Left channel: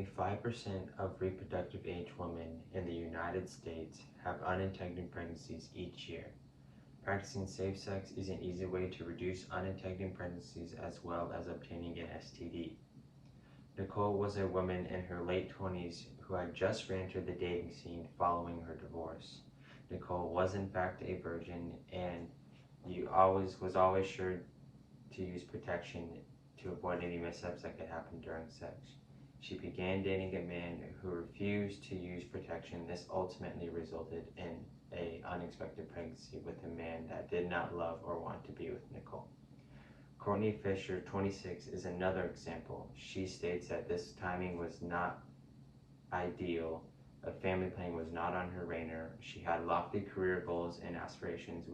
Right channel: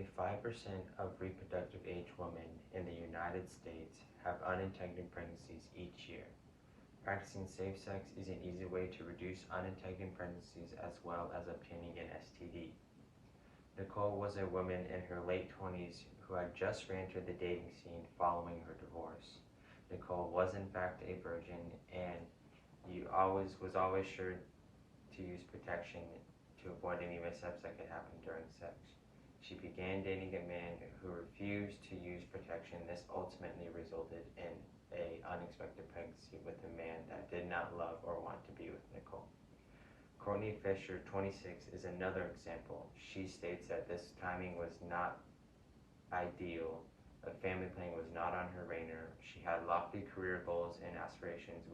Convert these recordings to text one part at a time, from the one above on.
Nearly 5% of reproductive age women in the United States have unintended pregnancies each year. Practicing safe sex is an easy way to reduce unintended pregnancies as well as obtaining an STD. Nicole was a woman in her late 20s who had just re-entered the dating scene following her divorce. Nicole was in fact a virgin and was always sure to use protection to avoid any mishaps that could happen during sex. She began dating a man who refused to use protection. This ultimately resulted in an unexpected pregnancy with a man that did not love or want to be with Nicole. Courtney Fisher, 26, is another example. She states that this timing was not ideal. A family planning was not on her radar. She had lofty career goals and aspirations.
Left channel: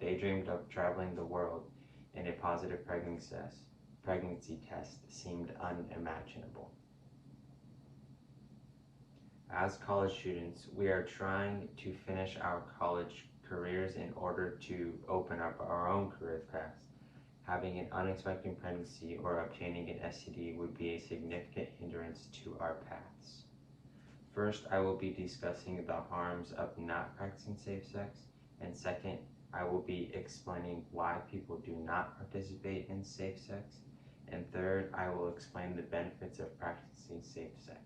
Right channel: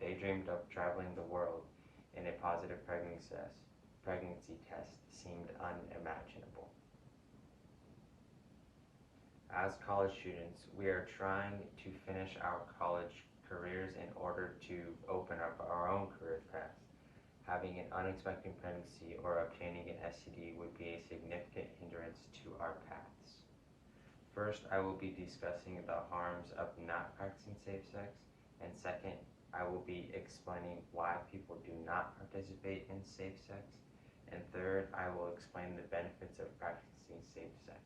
They dreamed of traveling the world, and a positive pregnancy test seemed unimaginable. As college students, we are trying to finish our college careers in order to open up our own career paths. Having an unexpected pregnancy or obtaining an STD would be a significant hindrance to our paths. First, I will be discussing the harms of not practicing safe sex, and second, I will be explaining why people do not participate in safe sex, and third, I will explain the benefits of practicing safe sex.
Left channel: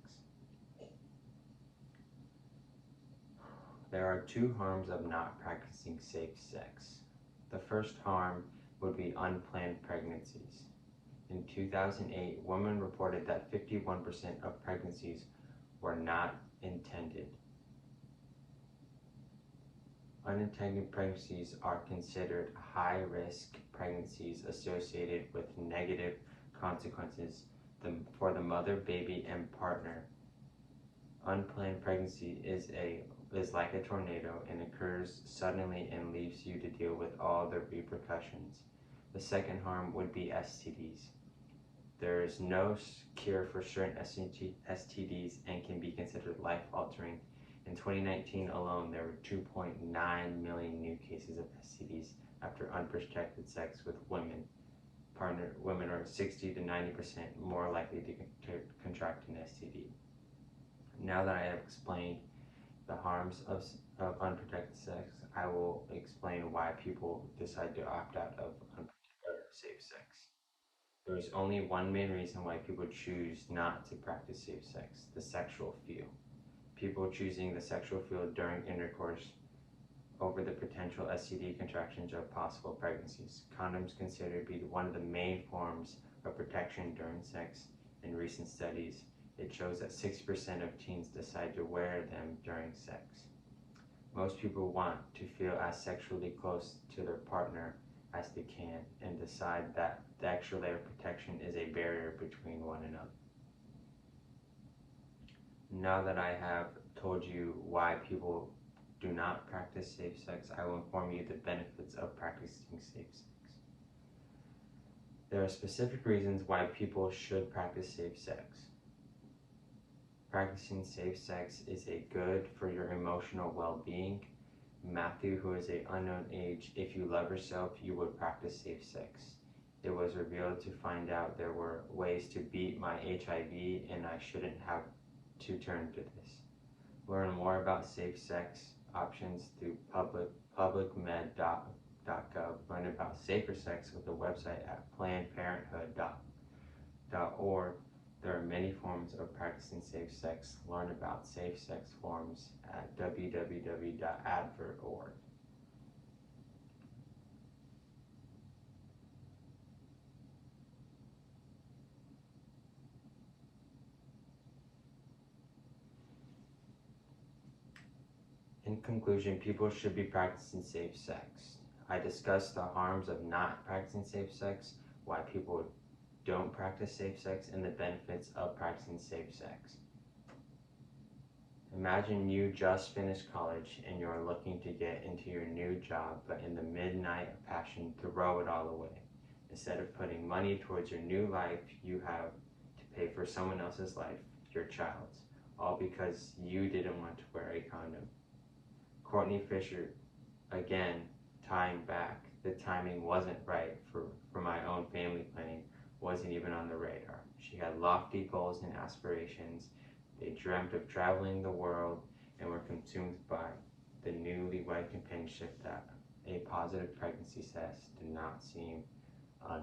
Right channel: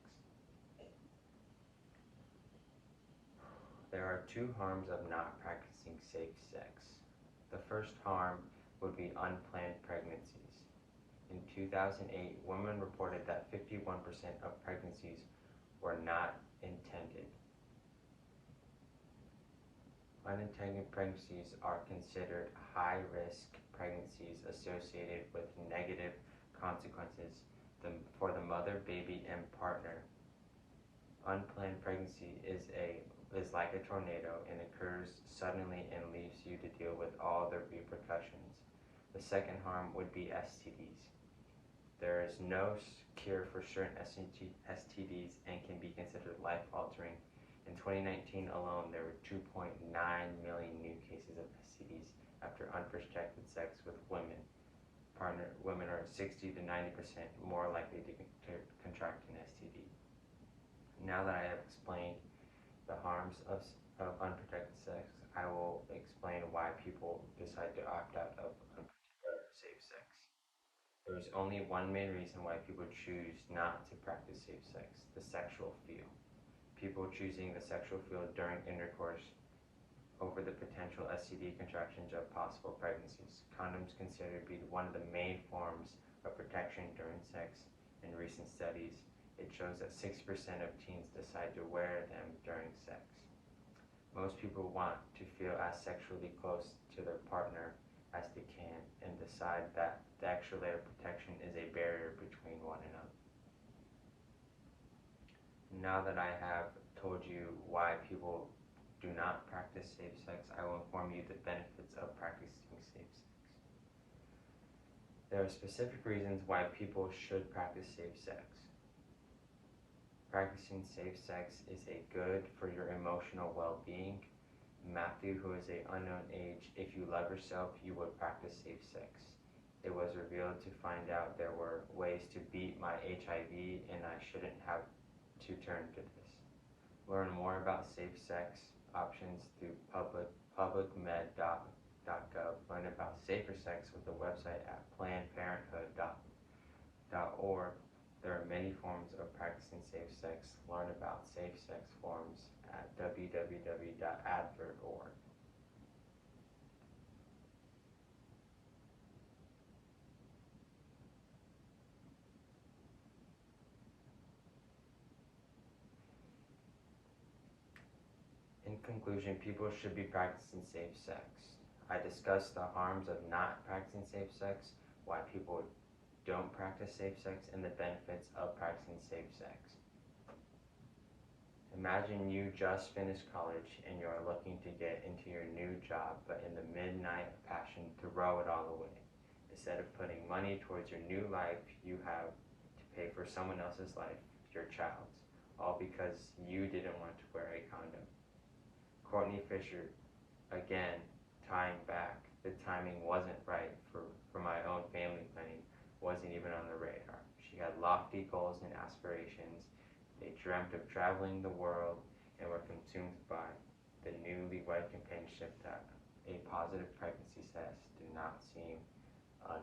There are two harms of not practicing safe sex. The first harm would be unplanned pregnancies. In 2008, women reported that 51% of pregnancies were not intended. Unintended pregnancies are considered high-risk pregnancies associated with negative consequences for the mother, baby, and partner. Unplanned pregnancy is like a tornado and occurs suddenly and leaves you to deal with all the repercussions. The second harm would be STDs. There is no cure for certain STDs and can be considered life-altering. In 2019 alone, there were 2.9 million new cases of STDs after unprotected sex with women. Women are 60 to 90% more likely to contract an STD. Now that I have explained the harms of unprotected sex, I will explain why people decide to opt out of safe sex. There is only one main reason why people choose not to practice safe sex: the sexual feel. People choosing the sexual feel during intercourse over the potential STD contractions of possible pregnancies. Condoms considered to be one of the main forms of protection during sex. In recent studies, it shows that 60% of teens decide to wear them during sex. Most people want to feel as sexually close to their partner as they can and decide that the extra layer of protection is a barrier between one another. Now that I have told you why people do not practice safe sex, I will inform you the benefits of practicing safe sex. There are specific reasons why people should practice safe sex. Practicing safe sex is good for your emotional well-being. Matthew, who is an unknown age, if you love yourself, you would practice safe sex. It was revealed to find out there were ways to beat my HIV and I shouldn't have to turn to this. Learn more about safe sex options through publicmed.gov. Learn about safer sex with the website at plannedparenthood.org. There are many forms of practicing safe sex. Learn about safe sex forms at www.advert.org. In conclusion, people should be practicing safe sex. I discussed the harms of not practicing safe sex, why people don't practice safe sex, and the benefits of practicing safe sex. Imagine you just finished college and you're looking to get into your new job, but in the midnight of passion, throw it all away. Instead of putting money towards your new life, you have to pay for someone else's life, your child's, all because you didn't want to wear a condom. Courtney Fisher, again, tying back, the timing wasn't right for my own family planning. wasn't even on the radar. She had lofty goals and aspirations. They dreamt of traveling the world and were consumed by the newlywed companionship that a positive pregnancy test did not seem an